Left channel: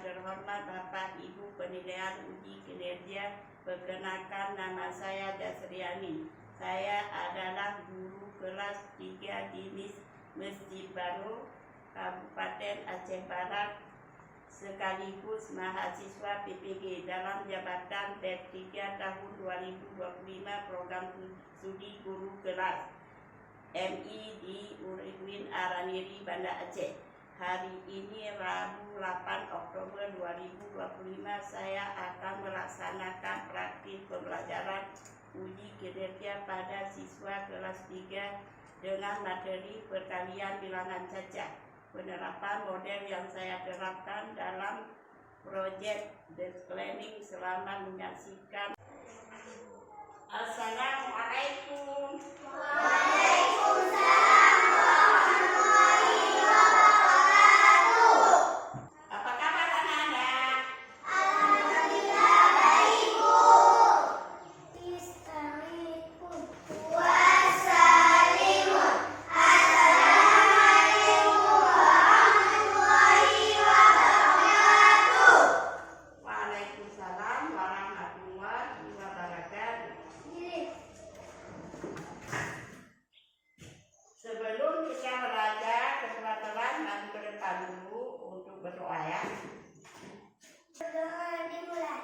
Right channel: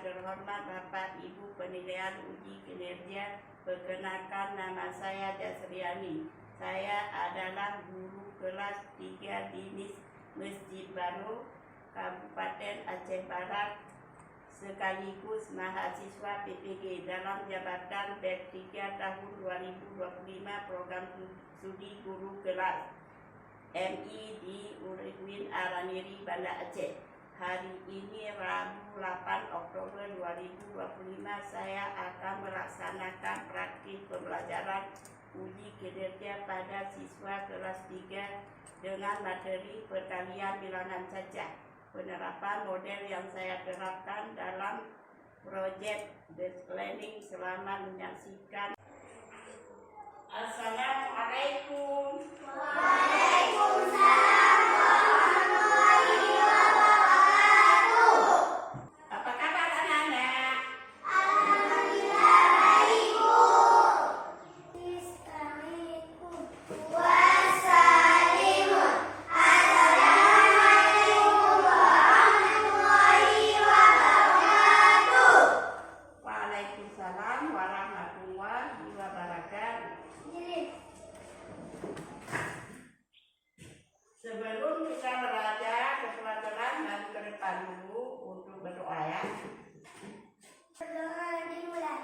terhormat Bapak Ibu penilaian uji kinerja, perkenalkan nama saya Dasriani. Saya adalah guru kelas 3 di Masjid Baru, Kabupaten Aceh Barat, sekaligus mahasiswa PPG dalam jabatan BEP 3 tahun 2025 program studi guru kelas MI di UIN Araniri, Banda Aceh. Hari ini Rabu 8 Oktober 2025 saya akan melaksanakan praktik pembelajaran uji kinerja pada siswa kelas 3 dengan materi perkalian bilangan cacah. Penerapan model yang saya terapkan dalam proyek Best Learning. Selamat menyaksikan. Assalamualaikum. Waalaikumsalam. Sebelum kita belajar keterampilan dan ke depan dulu untuk berdoa ya. Berdoa dimulai.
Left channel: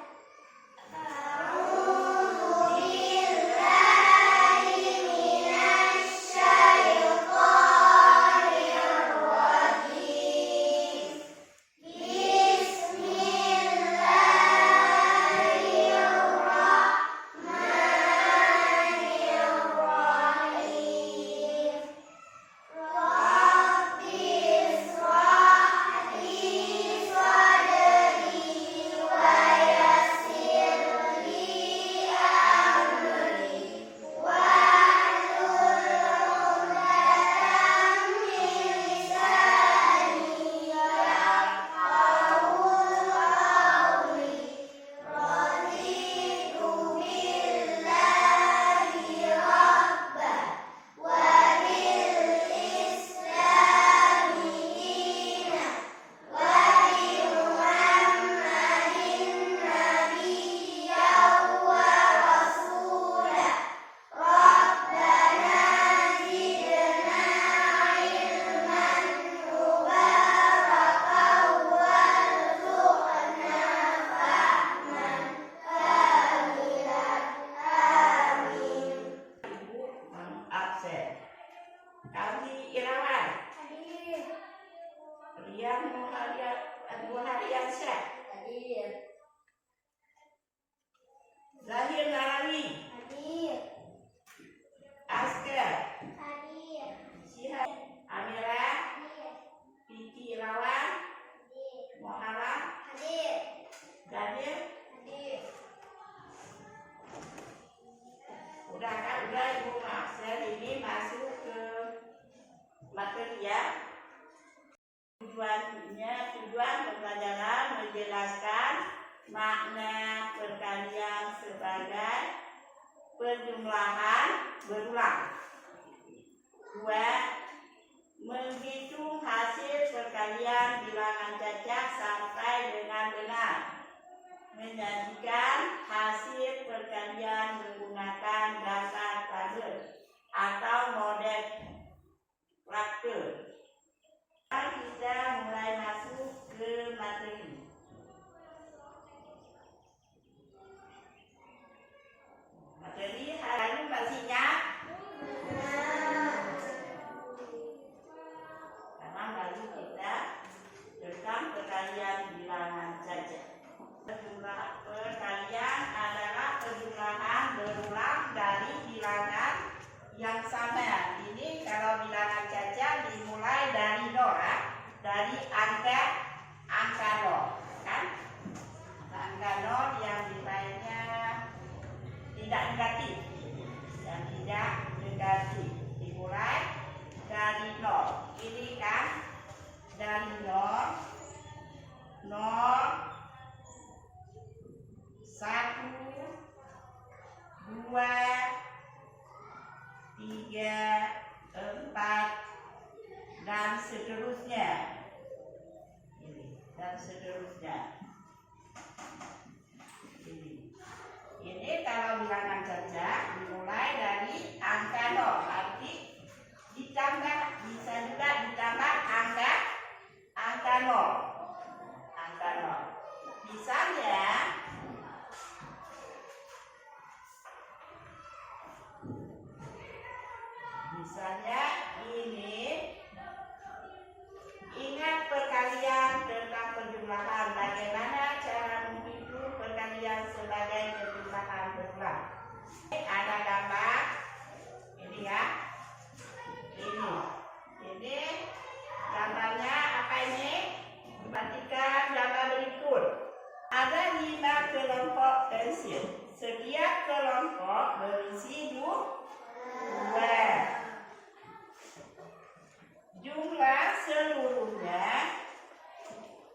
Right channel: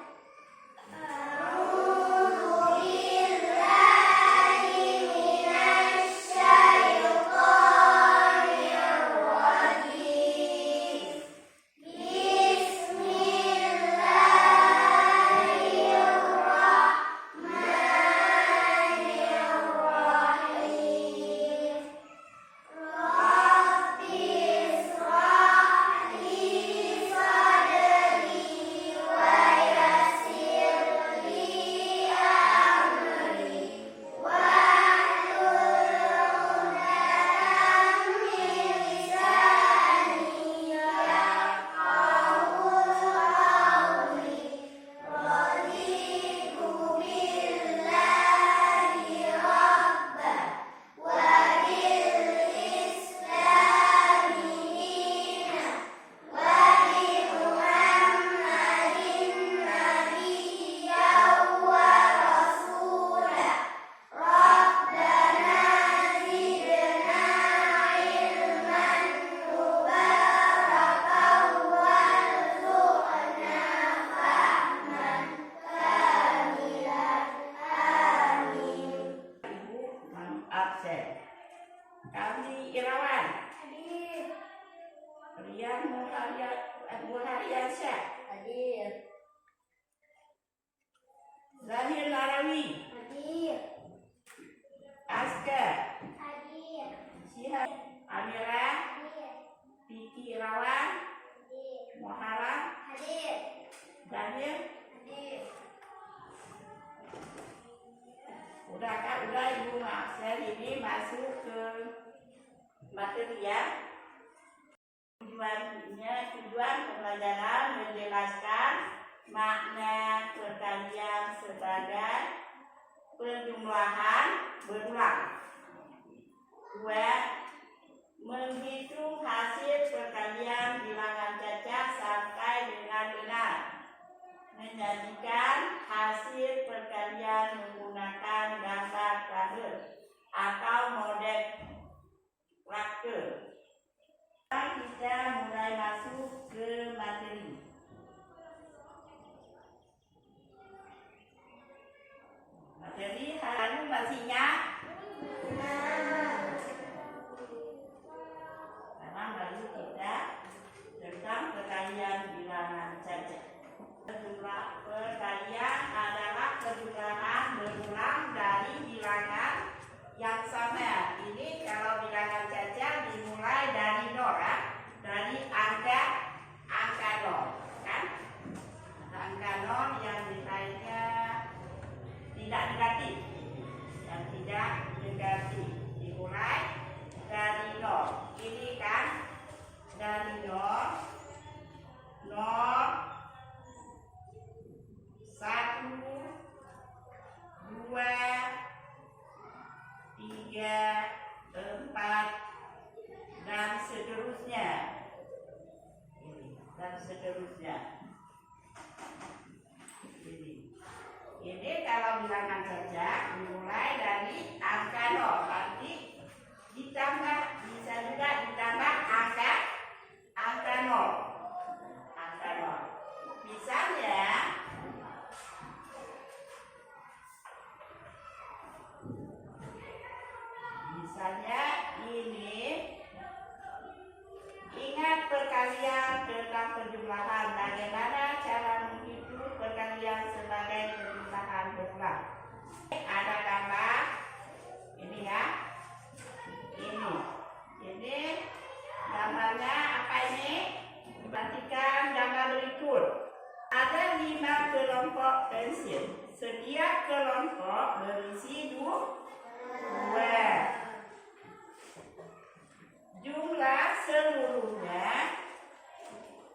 Kami Irawan. Hadir. Rian Muhariansyah. Hadir. Zahir Narawi. Hadir. Askar. Hadir. Syihab. Amira. Hadir. Piti Irawan. Hadir. Muharram. Hadir. Daniel. Hadir. Udah kan? Udah Ibu Aksen ini masuk ke materi ya. Tujuan pembelajaran menjelaskan makna perkalian sebagai penjumlahan berulang. 2. Menghitung hasil perkalian bilangan cacah sampai dengan benar. Menyajikan hasil perkalian menggunakan gambar tabel atau model traktor. Kita mulai masuk ke materi. Materi hari ini masihnya sekarang baru kita tentang perkalian bilangan cacah. Jumlah perkalian adalah penjumlahan berulang dari bilangan yang sama. Ini kalau bilangan cacah dimulai kelompok pensil. Setiap kelompok berisi dua. Jumlah seluruhnya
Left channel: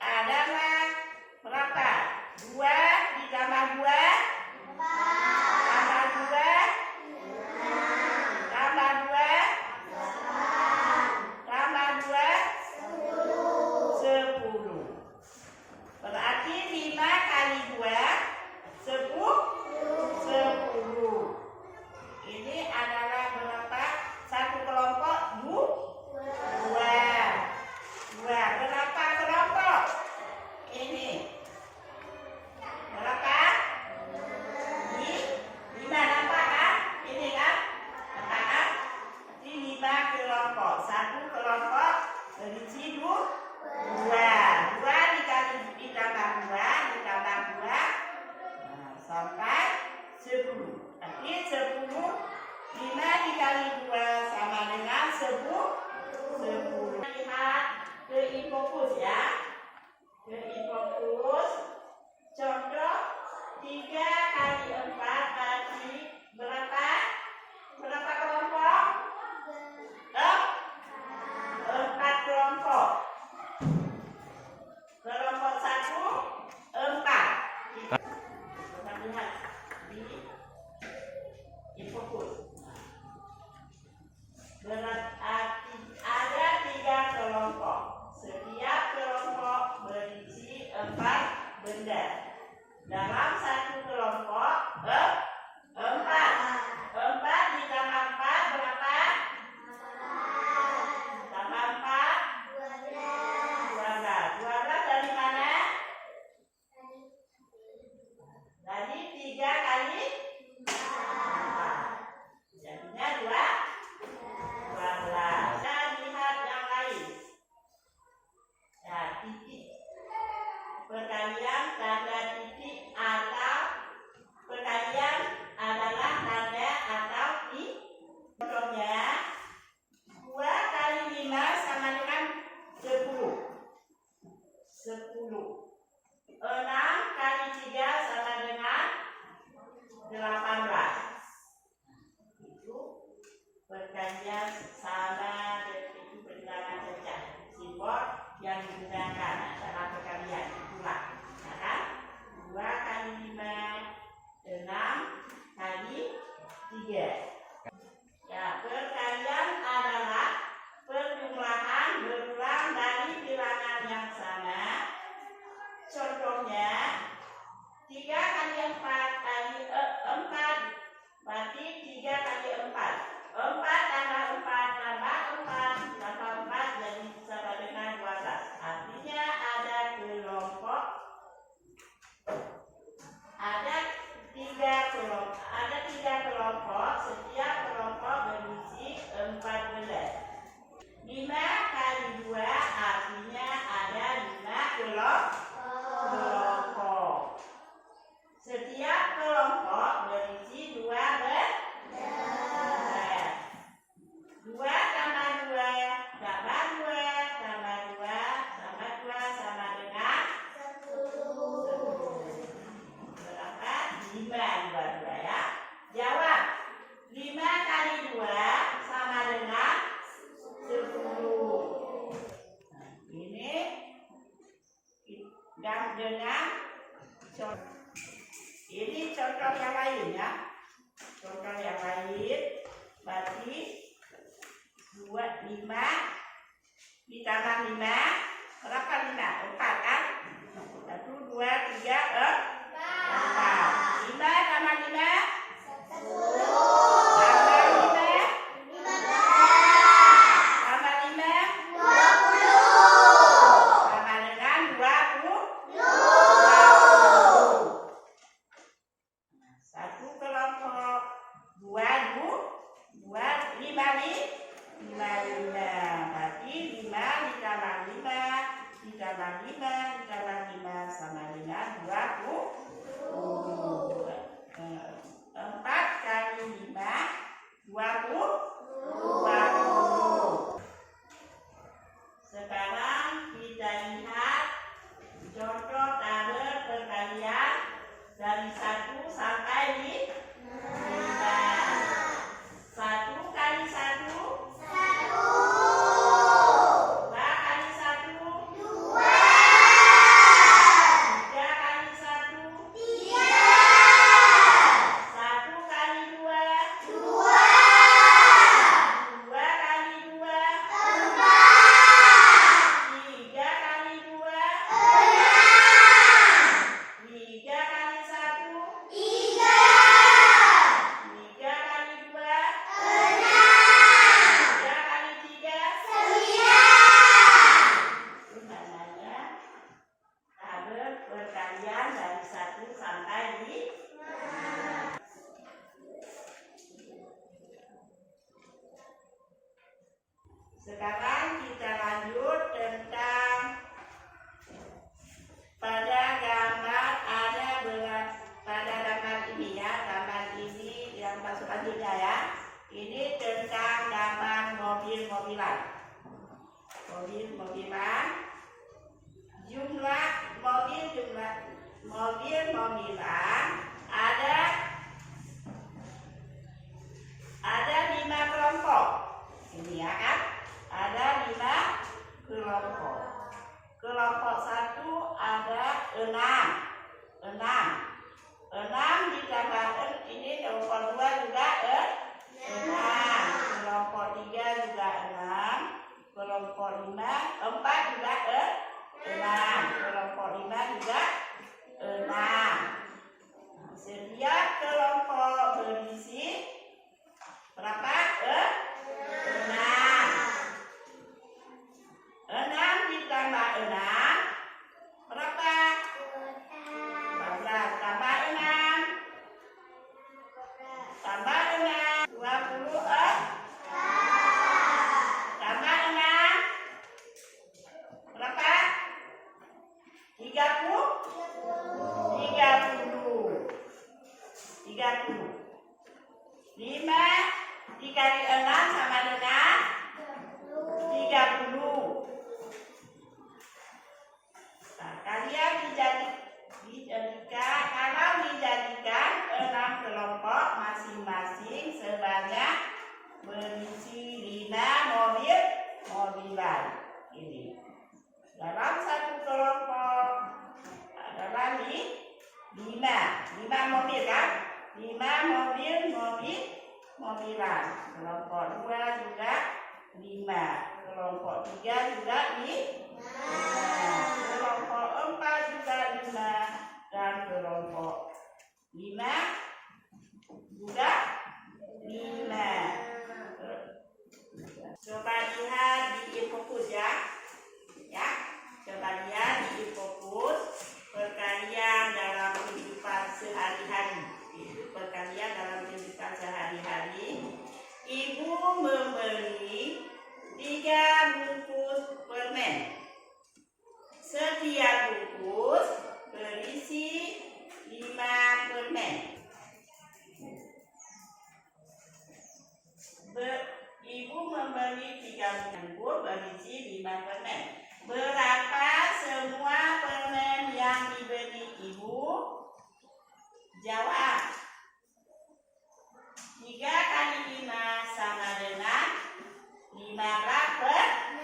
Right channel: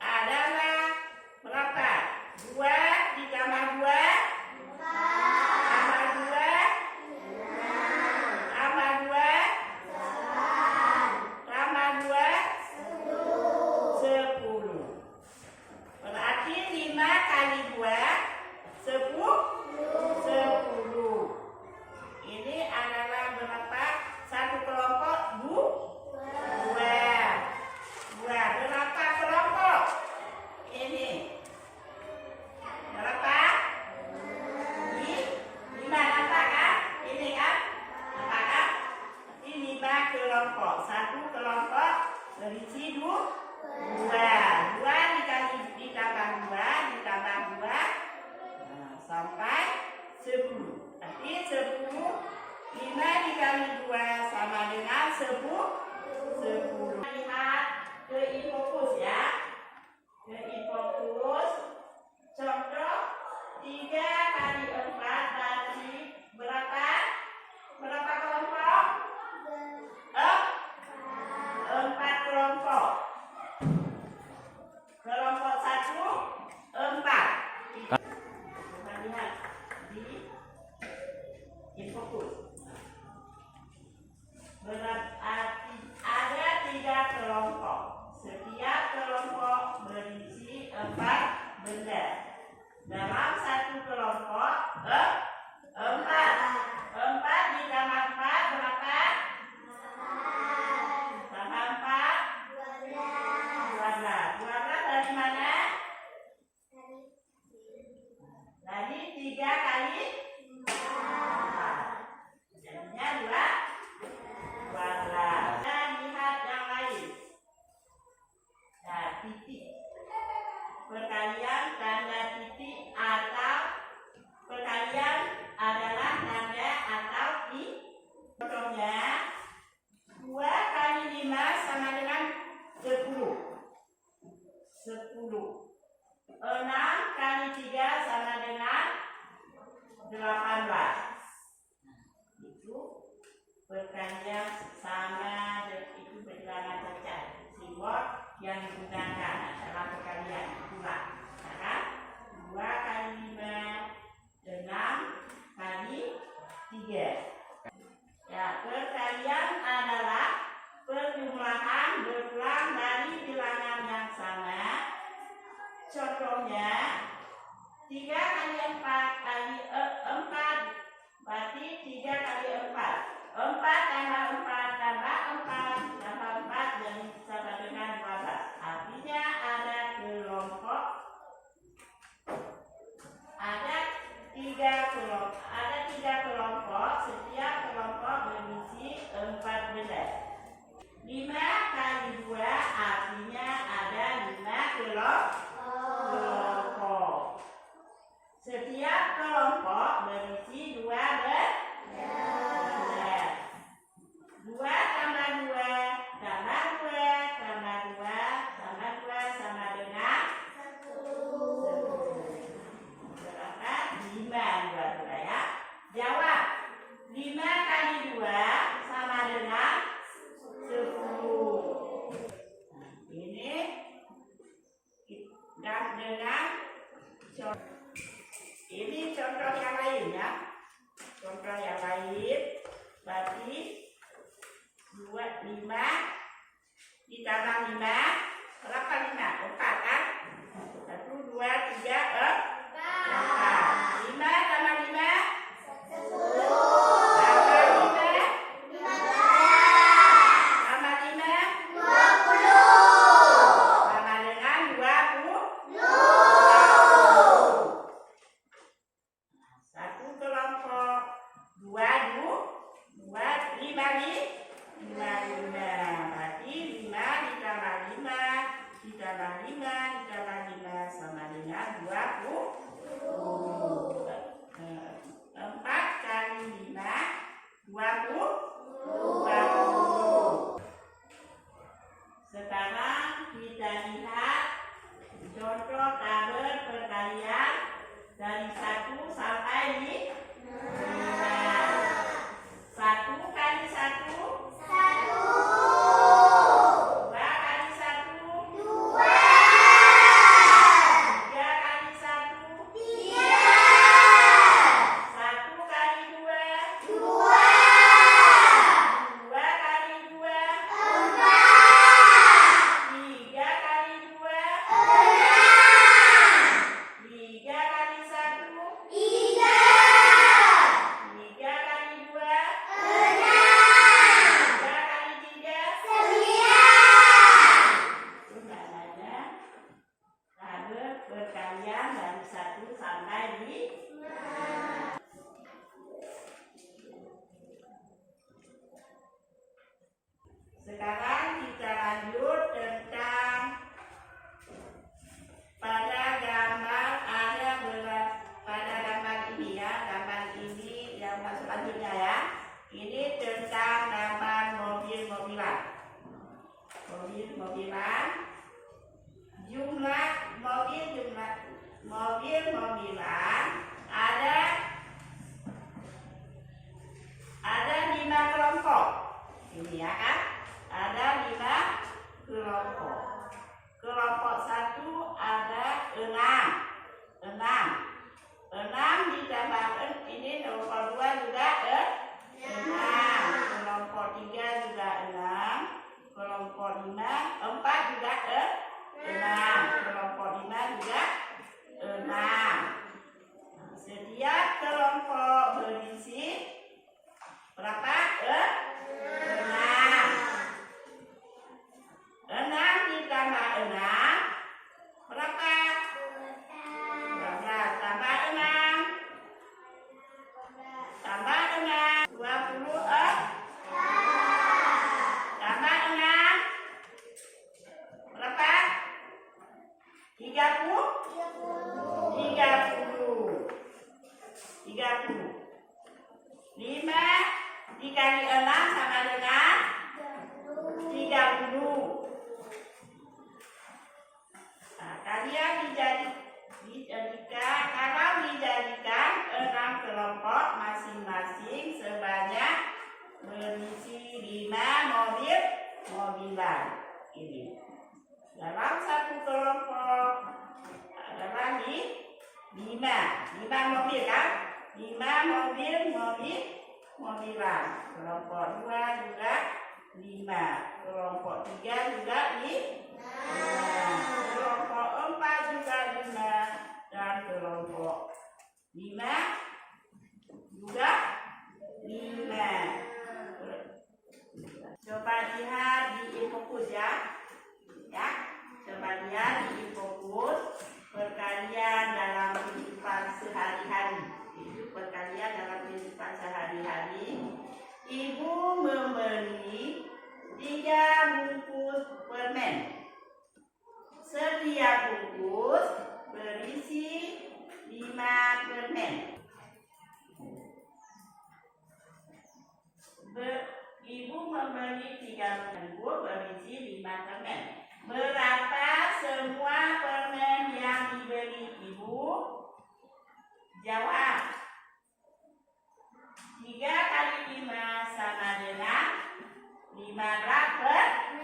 adalah berapa? 2 ditambah 2 tambah 2 tambah 2 tambah 2 10. Berarti 5 kali 2 10. Ini adalah berapa? Satu kelompok 2. Berapa kelompok? Ini berapa? 5. Nampak kan? Ini kan? Nampak kan? Ini 5 kelompok. Satu kelompok berisi 2. 2 dikali ditambah 2 ditambah 2 sampai 10. Berarti 10. 5 dikali 2 sama dengan 10. Lihat ke infokus ya. Ke infokus. Contoh 3 kali 4 berarti berapa? Berapa kelompok? 4 kelompok. Kelompok 1 4. Coba lihat di infokus. Berarti ada 3 kelompok. Setiap kelompok berisi 4 benda. Dalam satu kelompok 4. 4 ditambah 4 berapa? Tambah 4 12. 12 dari mana? Dari 3 kali 4. Jadinya 12. Dan lihat yang lain. Nah, titik. Perkalian tanda titik atau perkalian adalah tanda atau di. Contohnya 2 kali 5 sama dengan 10. 6 kali 3 sama dengan 18. Itu perkalian sama, itu bilangan pecah. Simbol yang digunakan dalam perkalian itulah. Nah, 2 kali 5 6 kali 3. Ya, perkalian adalah perjumlahan berulang dari bilangan yang sama. Contohnya 3 kali 4 kali 4 berarti 3 kali 4. 4 tambah 4 tambah 4 tambah 4 jadi sama dengan 12. Artinya ada kelompok, ada 3 kelompok. Setiap kelompok berisi 4 benda. 5 kali 2 artinya ada 5 kelompok. Setiap kelompok berisi 2 benda. 2 tambah 2 tambah 2 tambah 2 tambah 2 sama dengan 10. Berapa? 5 2 ya. Jawab. 5 kali 2 sama dengan 10. Nah, ini dan dengan contoh. Ini contoh yang lain ya. Contoh yang lain berarti 5 ditambah 5 berapa? 5 4 kan? 1 2 3 4. 5 tambah 5 tambah 5 tambah 5 sama dengan 20. Satu kelompok 2 5 berarti 5 ditambah 5 ditambah 5 ditambah 5 sama dengan 20. 4 kali 5 20. Sekarang kita lihat contoh tabel perkalian Dari 1 sampai 5. 1 kali 1. 2 kali 1. 3 kali 1. 1 kali 2. 2 kali 2. 3 kali 2. 3 kali 1. 3 kali 2. 3 kali 3. Sebenarnya ada perkalian dari 1 sampai 5. Sekarang kita lanjut tentang pada gambar ada berat pada gambar ini ya, gambar ini yang masuk selanjutnya ya. Ini tentang gambar mobil-mobilan. Mobil-mobilan. Jumlah mobil-mobilan ada 5 kelompok. Ini ya kan? Ada 5 kelompok. Kelompok 1 ada 6 ditambahkan ini kelompok 2 juga 6. Kelompok 3 juga 6. Kelompok 4 juga 6. Kelompok 5 juga 6. Setiap kelompok berisi berapa? 6. 6 ditambah 6 berapa? 12. Tambah 6. Tambah 6. 20. Tambah 6. Berapa? 30. 5 dikali 6 sama dengan 30. Nah, kalian dijadikan 6 kelompok masing-masing sebanyak berisi 5 mobilan. Ini dalam satu kelompok adalah 5 mobil kan? 5 mobilan. Kelompok 2 juga 5. Kelompok 3 juga 5. Kelompok 4 juga 5. Dan kelompok 5 juga 5. Coba lihat di infokus ya. Coba lihat di infokus perkalian dalam kehidupan sehari-hari. Perkalian dalam kehidupan sehari-hari. Ibu membeli 3 bungkus permen. Setiap bungkus berisi 5 permen. Ibu membeli 3 bungkus berisi 5 permen. Berapa semua permen yang dibeli ibu? Jawab. 3 kali 5 sama dengan 15 permen.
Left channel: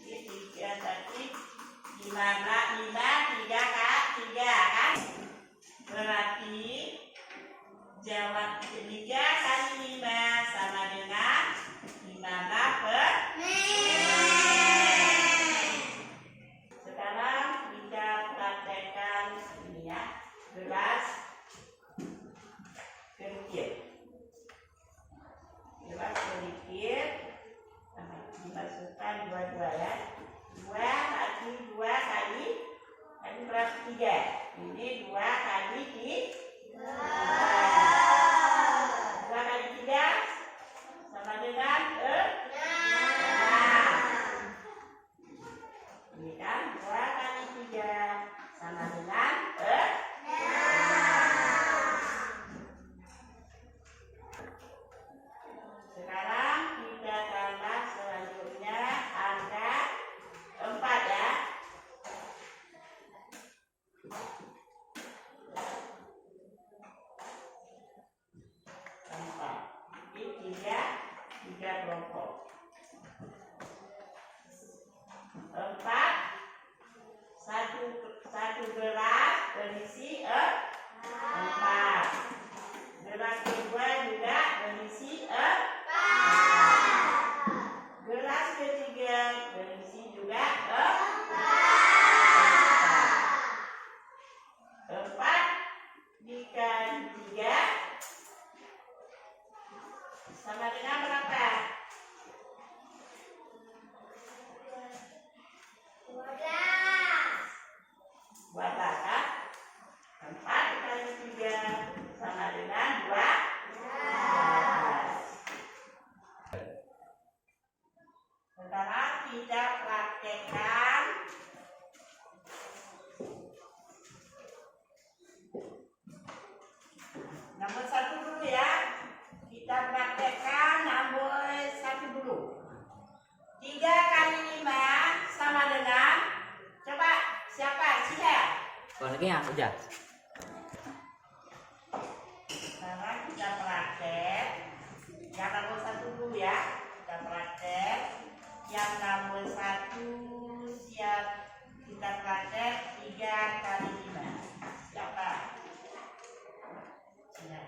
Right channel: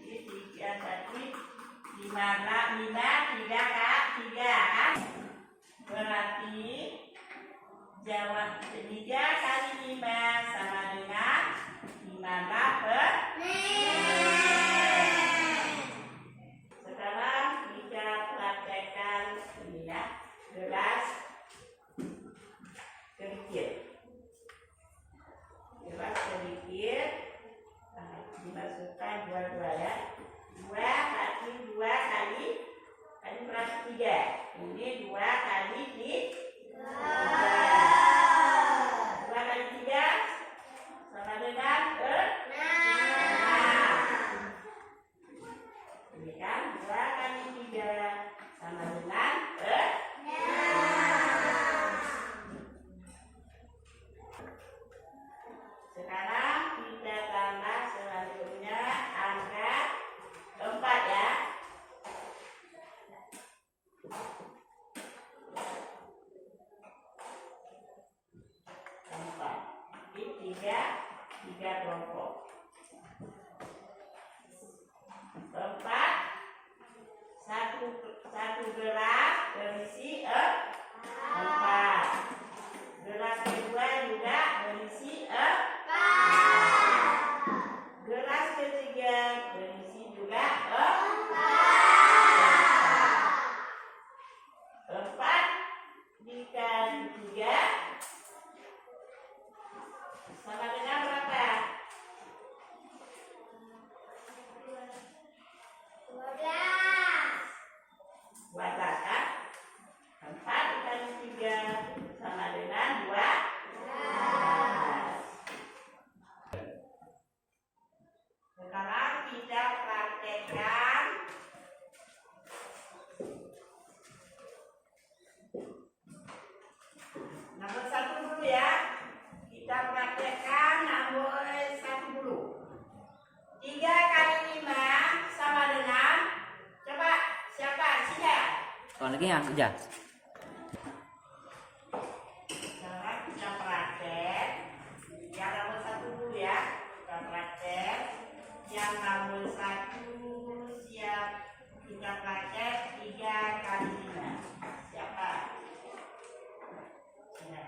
Jadi 3 tadi 15, 3 kan? Berarti jawab 3 kali 5 sama dengan 15 permen. Sekarang kita praktekkan ini ya, gelas kerikil. Gelas kerikil dimasukkan 2 ya. 2 kali berapa? 3. Ini 2 kali 3. 2 kali 3 sama dengan 6. Ini kan 2 kali 3 sama dengan 6. Sekarang kita tambah selanjutnya angka 4 ya. Sekarang kita praktekkan nomor 1 dulu ya. Kita praktekkan nomor 1 dulu. 3 kali 5 sama dengan, coba siapa? Sia. Lagi ya, udah. Sekarang kita praktek yang nomor 1 dulu ya. Kita praktek yang nomor 1. Siap. Kita praktek 3 kali 5. Siapa? Sia.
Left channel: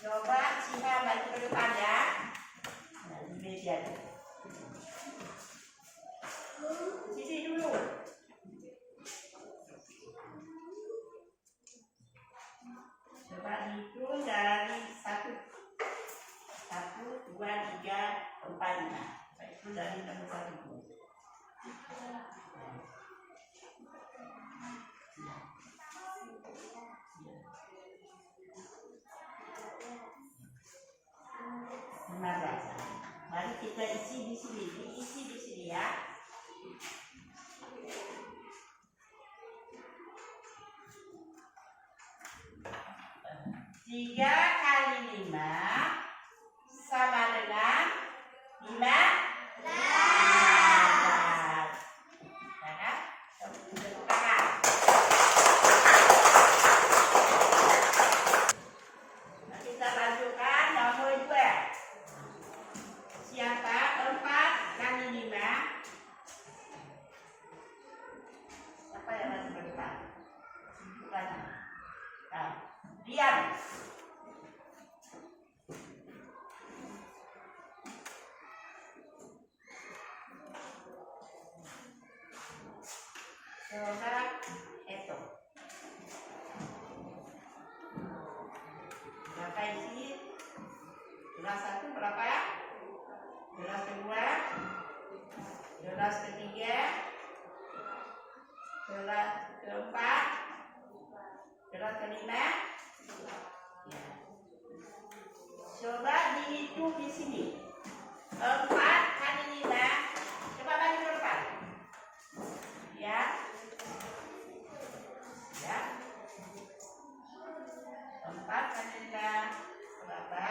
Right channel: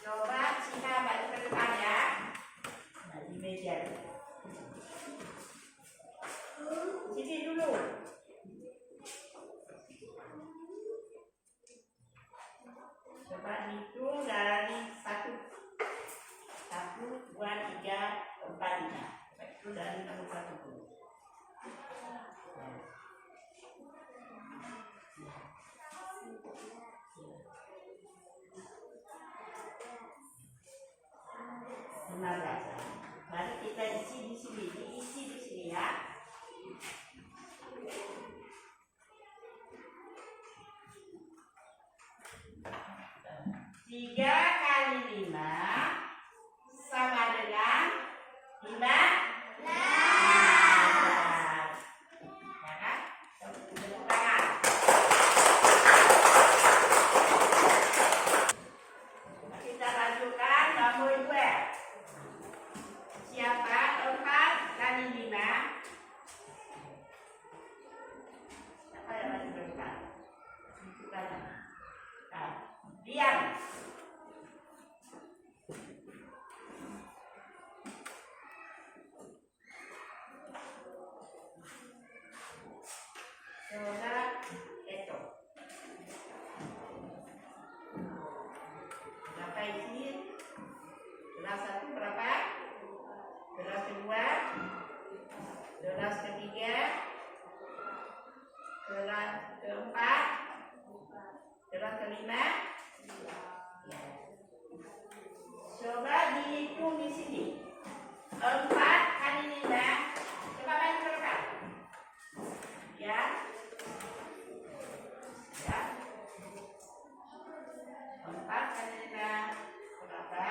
Coba Sia balik ke depan ya. Nah, di meja. Sini dulu. Coba hitung dari 1, 2, 3, 4, 5. Itu dari nomor 1 dulu. Benar. Mari kita isi di sini, diisi di sini ya. Tiga kali 5 sama dengan 15. Ya kan? Tepuk tangan. Nah, kita lanjutkan nomor 2. Siapa? 4 kali 5. Siapa yang masih berdepan? Nah, diam. Coba hitung. Berapa isi? Gelas 1 berapa? Gelas kedua, gelas ketiga, gelas keempat, gelas kelima. Ya. Coba dihitung di sini. 4 kali 5. Coba bagi berapa? Ya. Ya. 4 kali 5 berapa?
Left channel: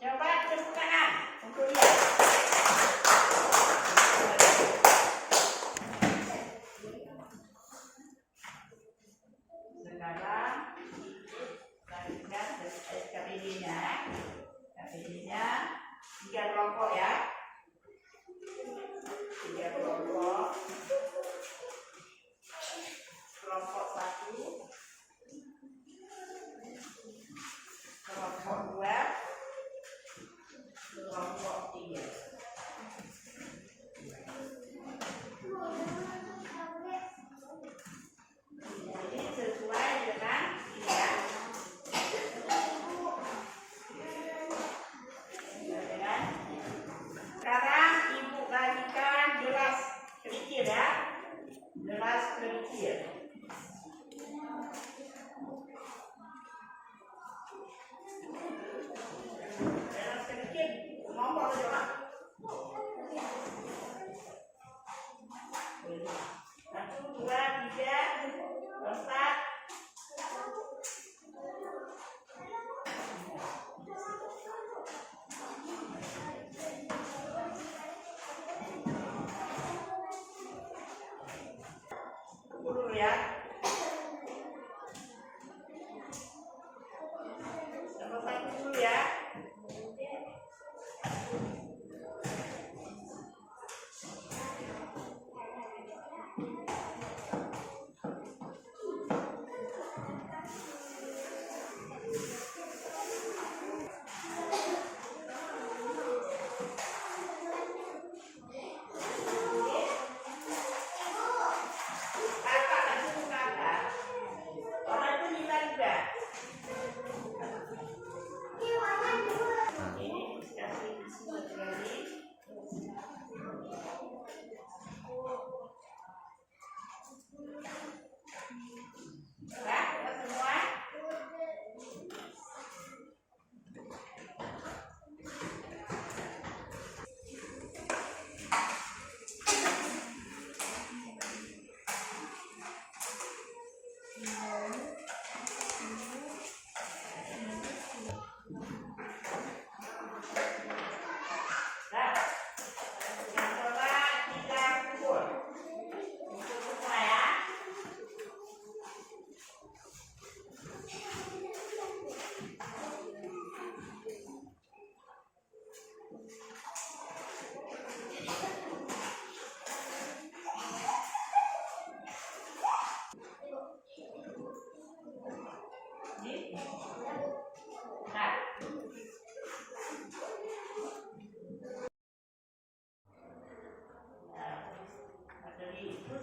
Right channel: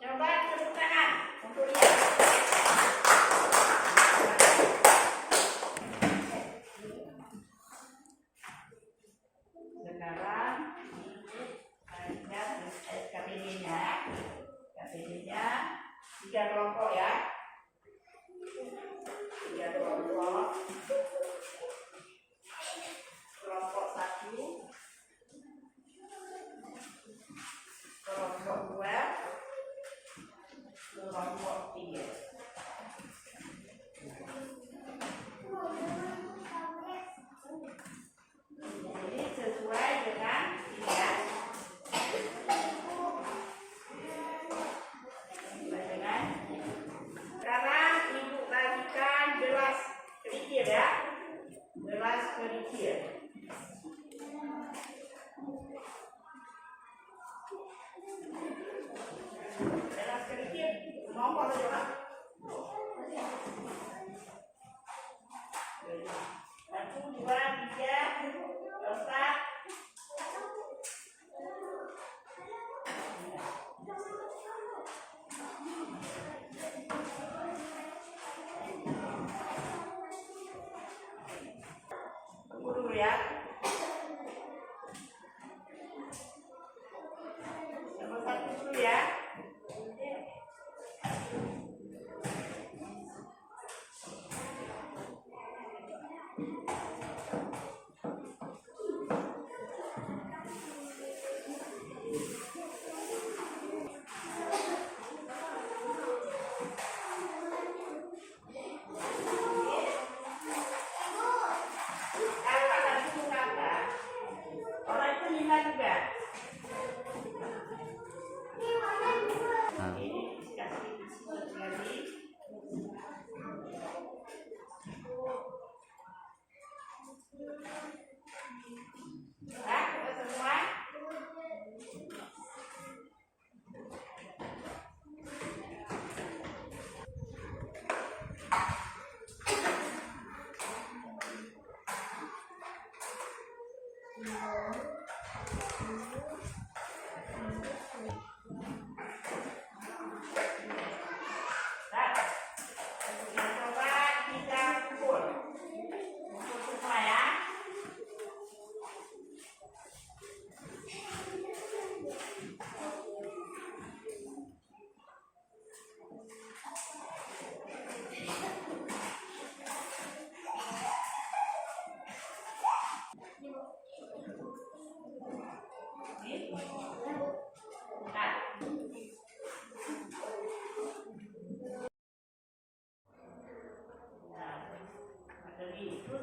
Coba tepuk tangan untuk lihat. Sekarang kita KPD-nya. KPD-nya 3 kelompok ya. 3 kelompok. Kelompok 1, kelompok 2, kelompok 3. Jadi sesuai dengan dia. Sekarang ibu bagikan gelas kerikil ya. Gelas kerikil. Gelas kerikil. Nombor berapa? 1, 2, 3, 4. Dulu ya. Nomor 1 dulu ya.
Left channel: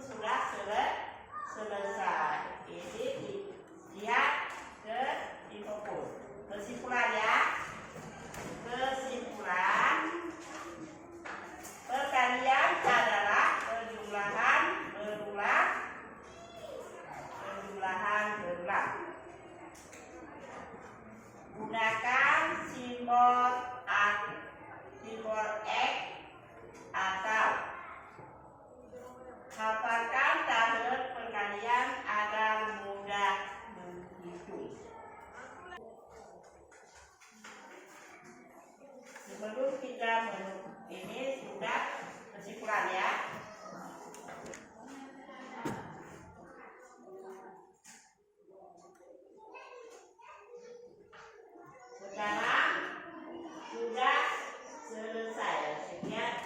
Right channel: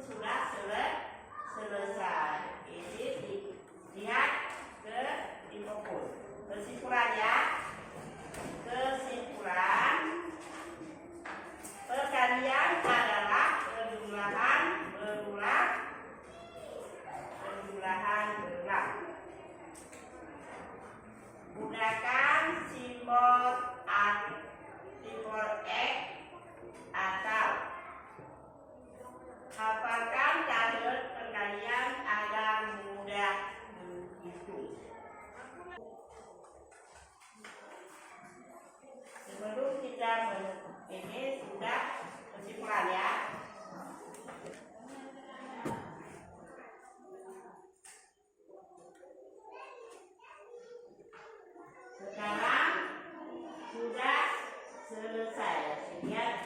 sudah selesai. Ini lihat ke kesimpulan ya. Kesimpulan perkalian adalah penjumlahan berulang. Gunakan simbol X atau hafalkan tanda perkalian agar mudah menghitung. Sebelum kita ini sudah kesimpulan ya. Sekarang sudah selesai. Sekian